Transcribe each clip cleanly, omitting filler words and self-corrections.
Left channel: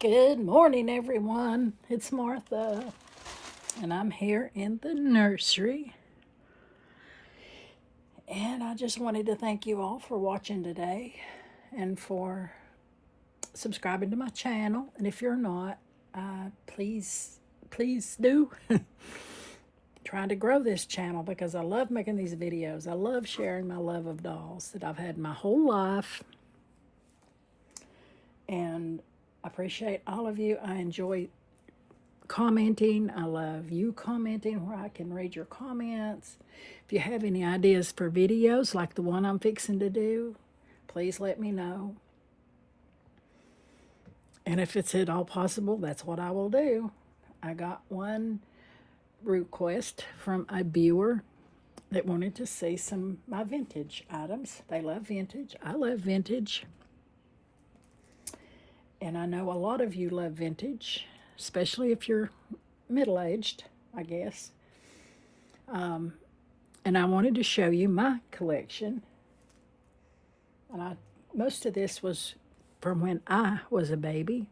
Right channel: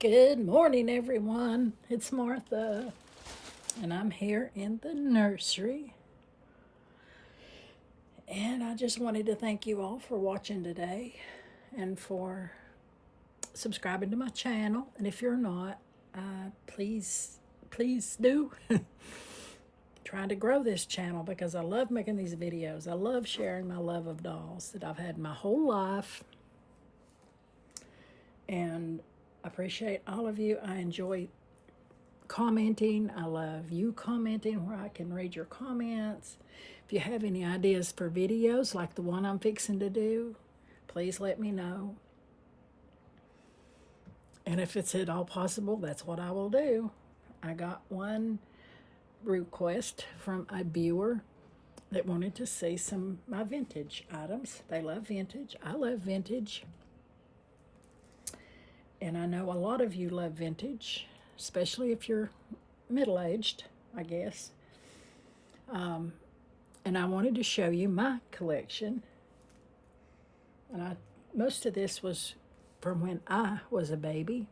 Good morning, everyone. It's Martha, and I'm here in the nursery. And I just wanted to thank you all for watching today and for subscribing to my channel. And if you're not, please do. Trying to grow this channel because I love making these videos. I love sharing my love of dolls that I've had my whole life. And I appreciate all of you. I enjoy commenting. I love you commenting where I can read your comments. If you have any ideas for videos like the one I'm fixing to do, please let me know. And if it's at all possible, that's what I will do. I got one request from a viewer that wanted to see some of my vintage items. They love vintage. I love vintage. And I know a lot of you love vintage, especially if you're middle-aged, I guess. And I wanted to show you my collection. And most of this was from when I was a baby.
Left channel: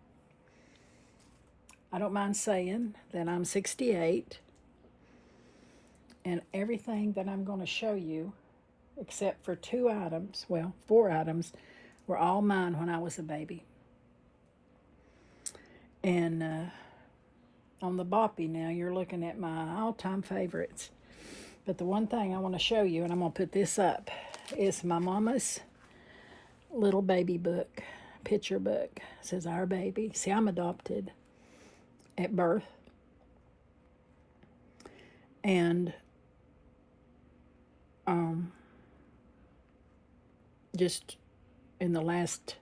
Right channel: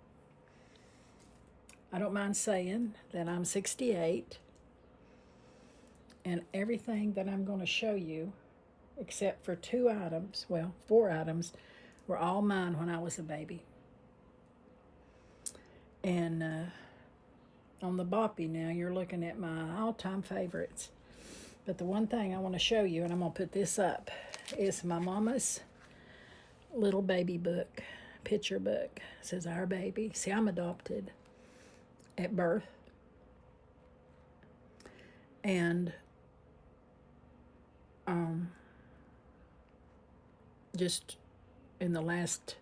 I don't mind saying that I'm 68. And everything that I'm going to show you, except for 2 items, well, 4 items, were all mine when I was a baby. And on the boppy now, you're looking at my all-time favorites. But the one thing I want to show you, and I'm going to put this up, is my mama's little baby book, picture book. It says Our Baby. See, I'm adopted at birth. And just in the last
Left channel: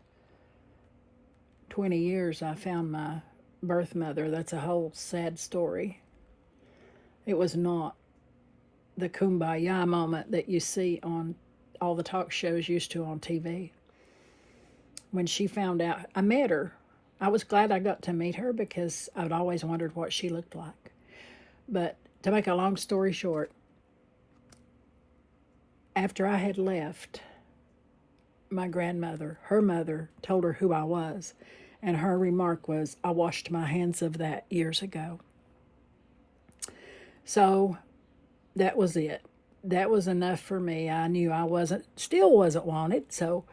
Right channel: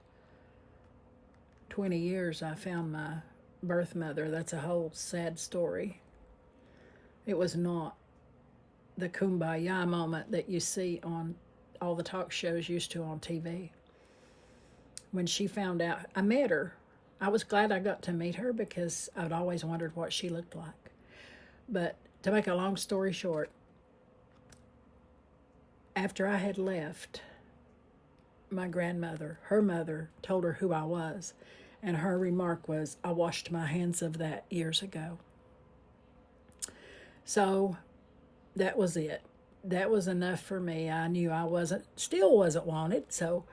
20 years, I found my birth mother. That's a whole sad story. It was not the kumbaya moment that you see on all the talk shows used to on TV. When she found out, I met her. I was glad I got to meet her because I'd always wondered what she looked like. But to make a long story short, after I had left, my grandmother, her mother, told her who I was. And her remark was, I washed my hands of that years ago. So that was it. That was enough for me. I knew I still wasn't wanted. So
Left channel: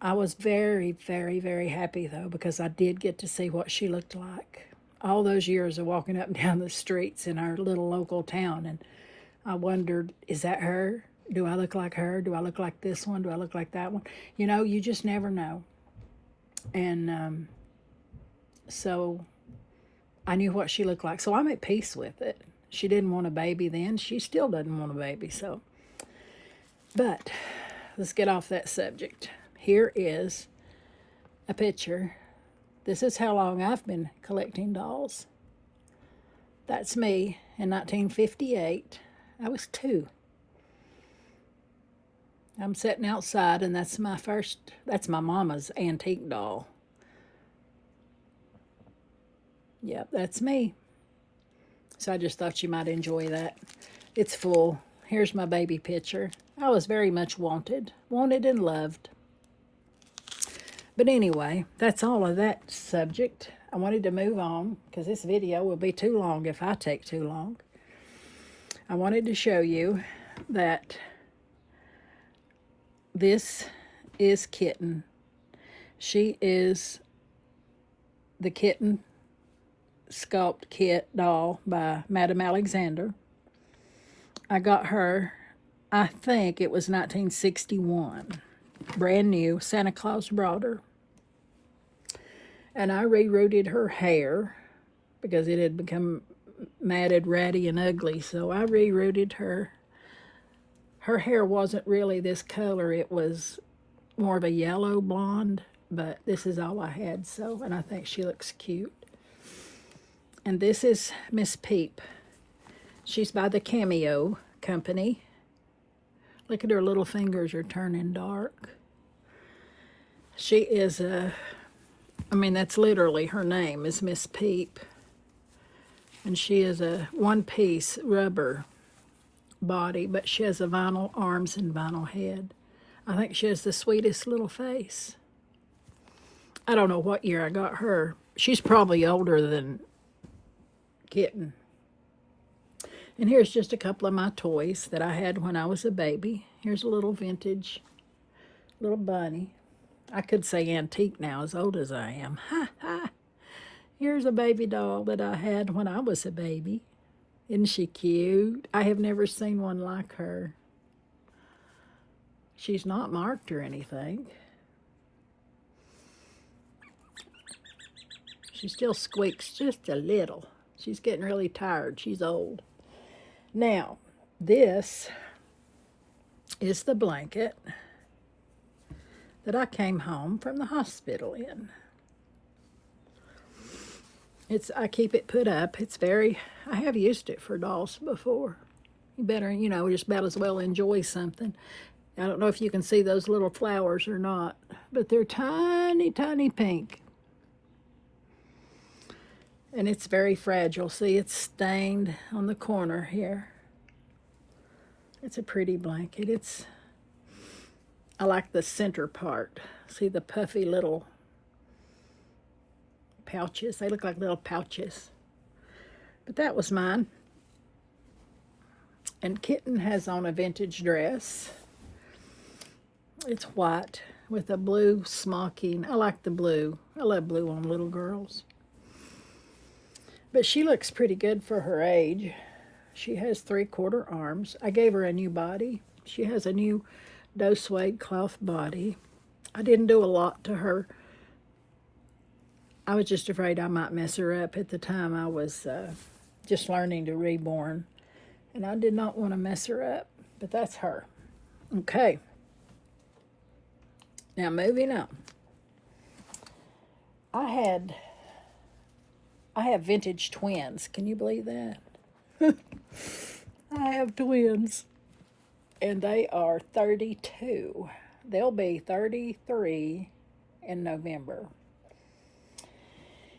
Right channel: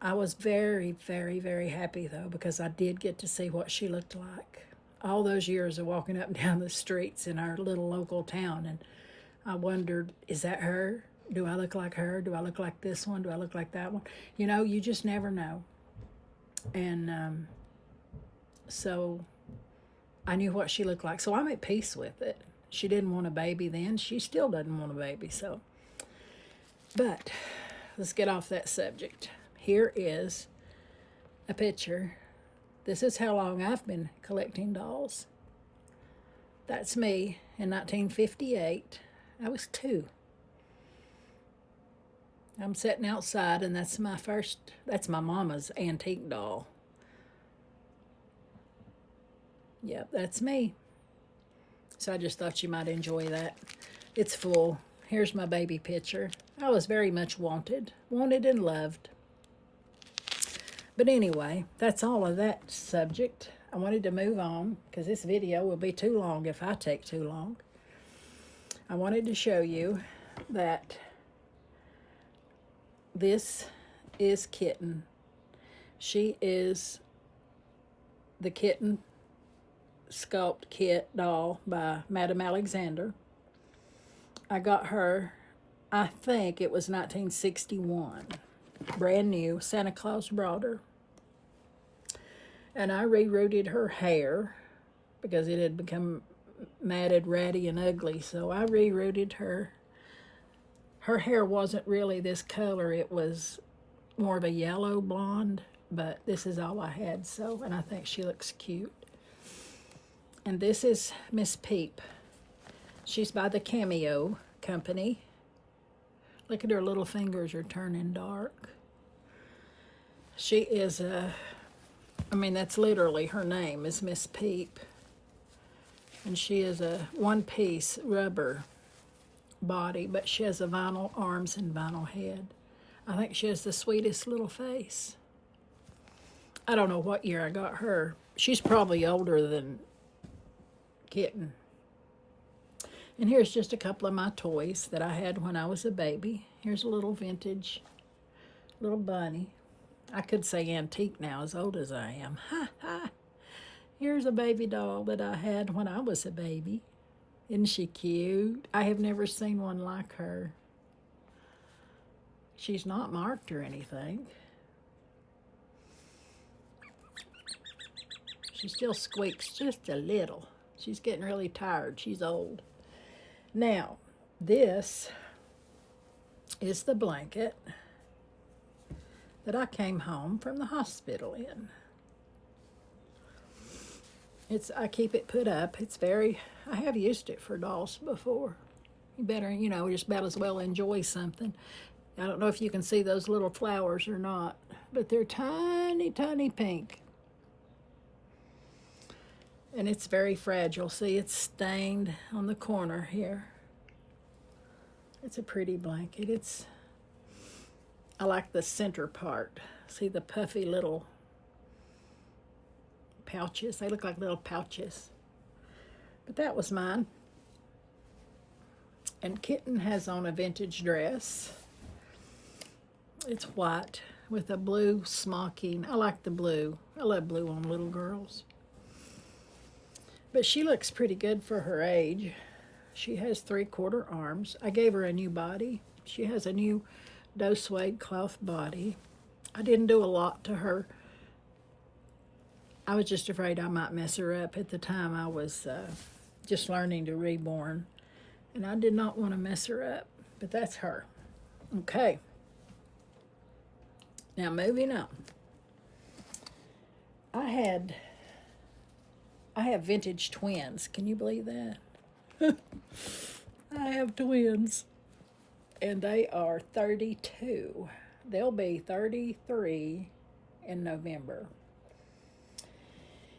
I was very, very, very happy, though, because I did get to see what she looked like. All those years of walking up and down the streets in our little local town. And I wondered, is that her? Do I look like her? Do I look like this one? Do I look like that one? You know, you just never know. And so I knew what she looked like. So I'm at peace with it. She didn't want a baby then. She still doesn't want a baby. So, but let's get off that subject. Here is a picture. This is how long I've been collecting dolls. That's me in 1958. I was 2. I'm sitting outside, and that's my mama's antique doll. Yep, that's me. So I just thought you might enjoy that. It's full. Here's my baby picture. I was very much wanted and loved. But anyway, that's all of that subject. I wanted to move on because this video will be too long if I take too long. I wanted to show you that this is Kitten. She is the Kitten Sculpt Kit doll by Madame Alexander. I got her, I think it was 1961. Brand new. Santa Claus brought her. And I rerooted her hair because it had become matted, ratty, and ugly. So I rerooted her. Her hair wasn't really this color. It was more of a yellow blonde, but this is all I had. So, and I think she looks cute. And this is Miss Peep. She's by the Cameo Company. Look at her little fingers are turning dark. She is that's literally her name is Miss Peep. And she is a one-piece rubber body, but she has a vinyl arms and vinyl head. I think she has the sweetest little face. I don't know what year I got her. She's probably older than Kitten. And here's just a couple of my toys that I had when I was a baby. Here's a little vintage little bunny. I could say antique now, as old as I am. Ha ha. Here's a baby doll that I had when I was a baby. Isn't she cute? I have never seen one like her. She's not marked or anything. She still squeaks just a little. She's getting really tired. She's old. Now, this is the blanket that I came home from the hospital in. I keep it put up. I have used it for dolls before. You better, just about as well enjoy something. I don't know if you can see those little flowers or not, but they're tiny, tiny pink. And it's very fragile. See, it's stained on the corner here. It's a pretty blanket. I like the center part. See the puffy little pouches? They look like little pouches. But that was mine. And Kitten has on a vintage dress. It's white with a blue smocking. I like the blue. I love blue on little girls. But she looks pretty good for her age. She has 3/4 arms. I gave her a new body. She has a new doe suede cloth body. I didn't do a lot to her. I was just afraid I might mess her up. At the time I was just learning to reborn. And I did not want to mess her up. But that's her. Okay. Now moving on. I have vintage twins. Can you believe that? I have twins. And they are 32. They'll be 33 in November.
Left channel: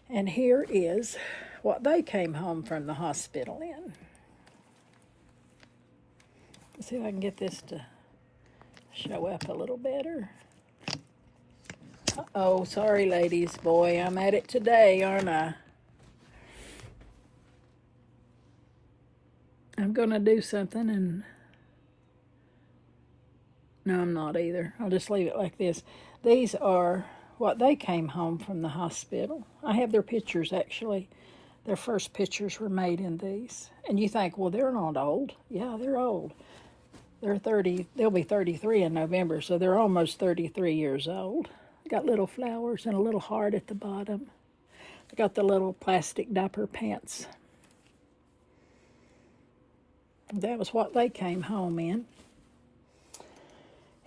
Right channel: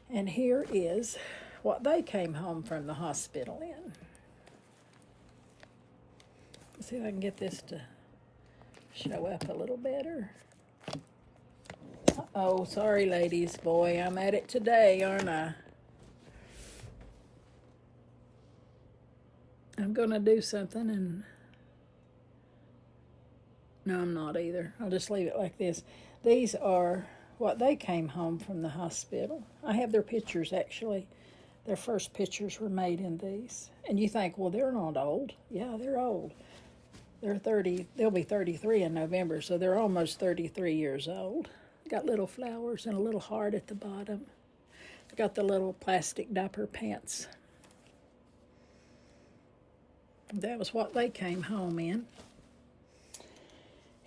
And here is what they came home from the hospital in. Let's see if I can get this to show up a little better. Oh, sorry, ladies. Boy, I'm at it today, aren't I? I'm going to do something and... No, I'm not either. I'll just leave it like this. These are what they came home from the hospital. I have their pictures, actually. Their first pictures were made in these. And you think, well, they're not old. Yeah, they're old. They're 30. They'll be 33 in November, so they're almost 33 years old. Got little flowers and a little heart at the bottom. Got the little plastic diaper pants. That was what they came home in.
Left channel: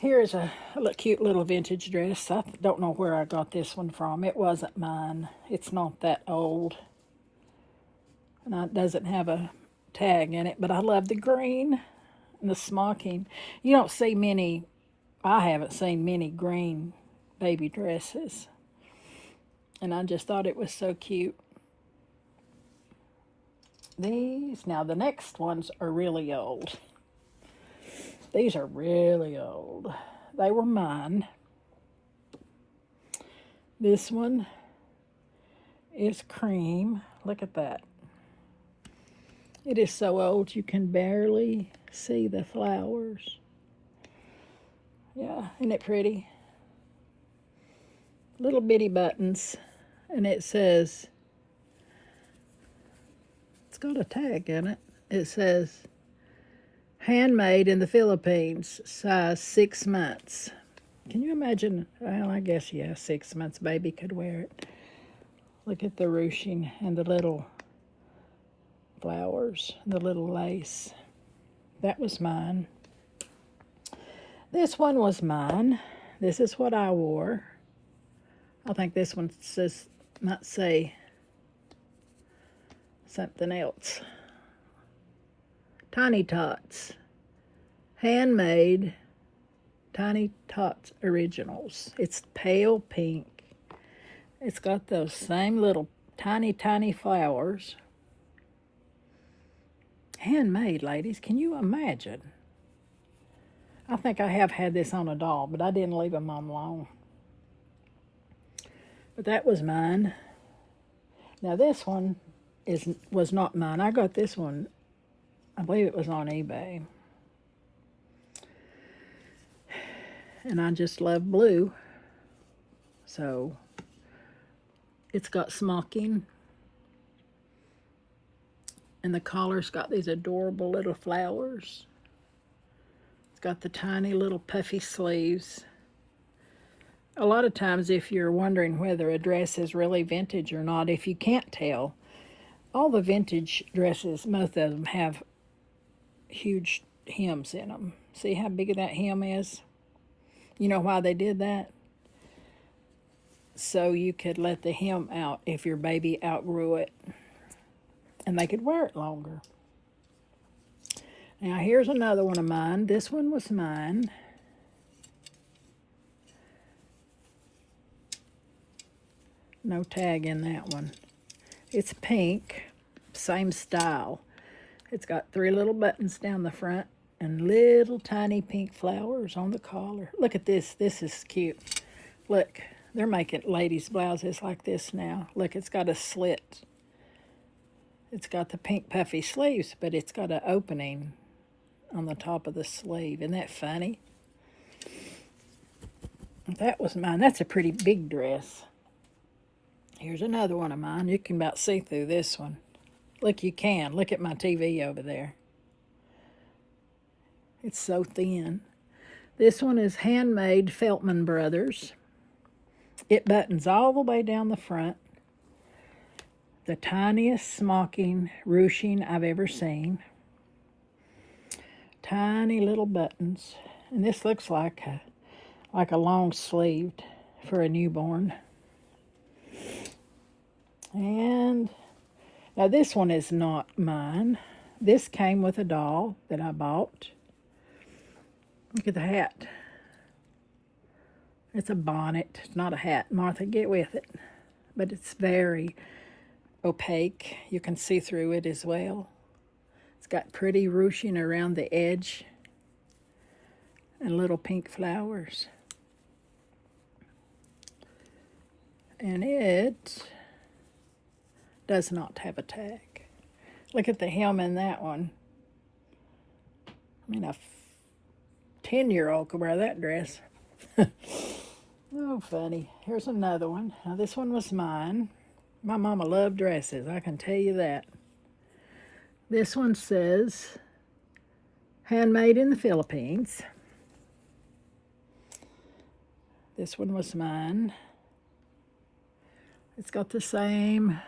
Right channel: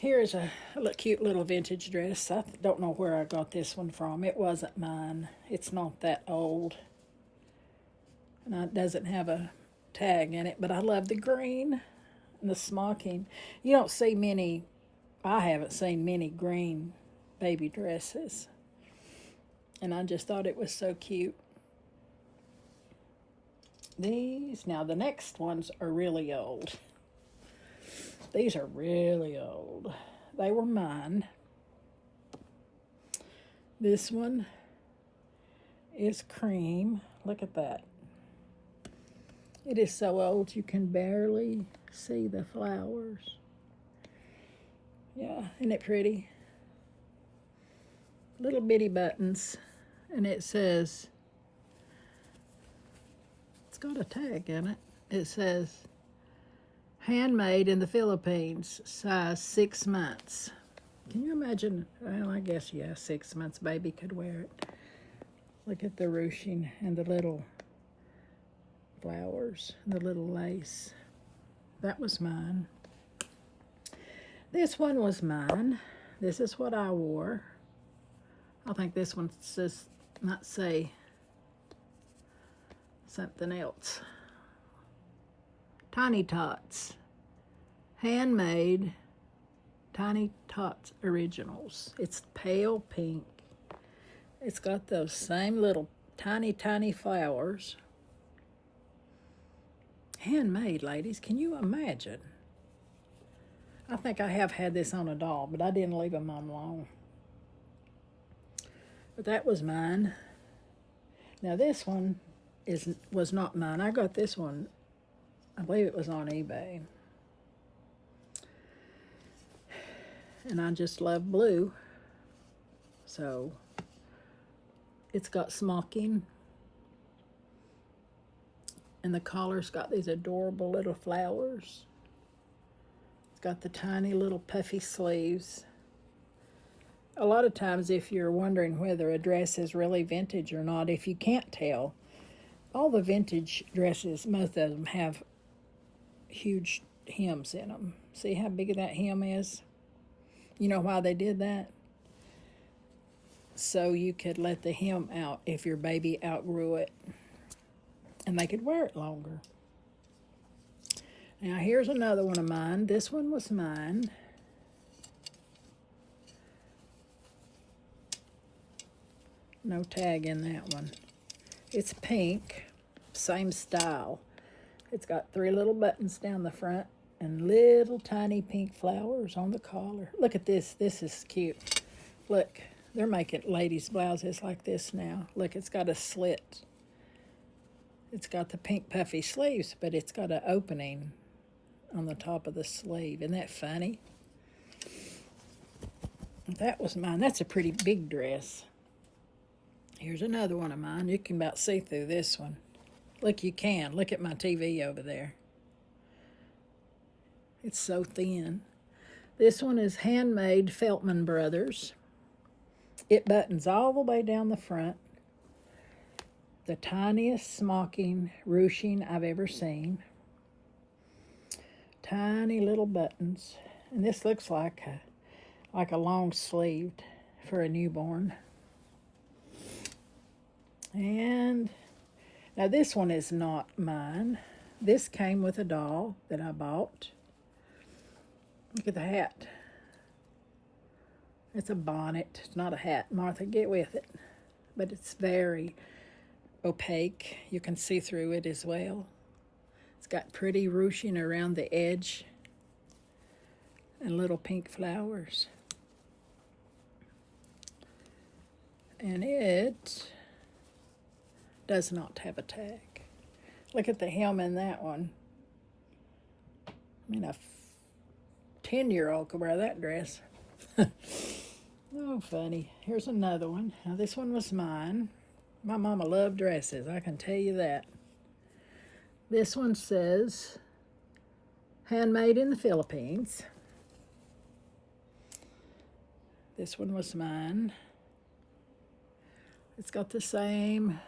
Here's a cute little vintage dress. I don't know where I got this one from. It wasn't mine. It's not that old. And it doesn't have a tag in it, but I love the green and the smocking. You don't see many, I haven't seen many green baby dresses. And I just thought it was so cute. Now the next ones are really old. These are really old. They were mine. This one is cream. Look at that. It is so old you can barely see the flowers. Yeah, isn't it pretty? Little bitty buttons. And it says, it's got a tag in it. It says, handmade in the Philippines, size 6 months. Can you imagine? Well, I guess, yeah, 6 months baby could wear it. Look at the ruching and the little flowers, the little lace. That was mine. This one was mine. This is what I wore. I think this one might say something else. Tiny Tots. Handmade Tiny Tots Originals. It's pale pink. It's got those same little tiny, tiny flowers. Handmade, ladies. Can you imagine? I think I have had this on a doll, but I didn't leave them on long. But that was mine. Now this one was not mine. I got this one, I believe it was on eBay. And I just love blue. So it's got smocking. And the collar's got these adorable little flowers. It's got the tiny little puffy sleeves. A lot of times if you're wondering whether a dress is really vintage or not, if you can't tell, all the vintage dresses, most of them have huge hems in them. See how big that hem is? You know why they did that? So you could let the hem out if your baby outgrew it, and they could wear it longer. Now here's another one of mine. This one was mine. No tag in that one. It's pink, same style. It's got 3 little buttons down the front and little tiny pink flowers on the collar. Look at this. This is cute. Look, they're making ladies' blouses like this now. Look, it's got a slit. It's got the pink puffy sleeves, but it's got an opening on the top of the sleeve. Isn't that funny? That was mine. That's a pretty big dress. Here's another one of mine. You can about see through this one. Look, you can. Look at my TV over there. It's so thin. This one is handmade Feltman Brothers. It buttons all the way down the front. The tiniest smocking ruching I've ever seen. Tiny little buttons. And this looks like a long sleeved for a newborn. And now this one is not mine. This came with a doll that I bought. Look at the hat. It's a bonnet. It's not a hat. Martha, get with it. But it's very opaque. You can see through it as well. It's got pretty ruching around the edge and little pink flowers. And it does not have a tag. Look at the hem in that one. I mean, a 10-year-old could wear that dress. Oh, funny. Here's another one. Now, this one was mine. My mama loved dresses, I can tell you that. This one says, handmade in the Philippines. This one was mine. It's got the same,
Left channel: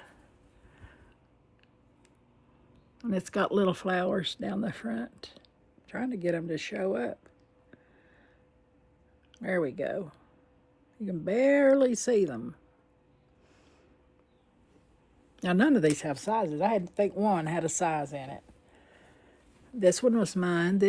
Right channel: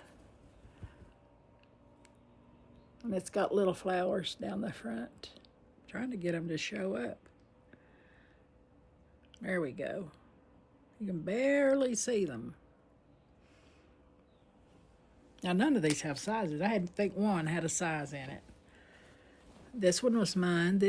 and it's got little flowers down the front. Trying to get them to show up. There we go. You can barely see them. Now, none of these have sizes. I had to think one had a size in it. This one was mine.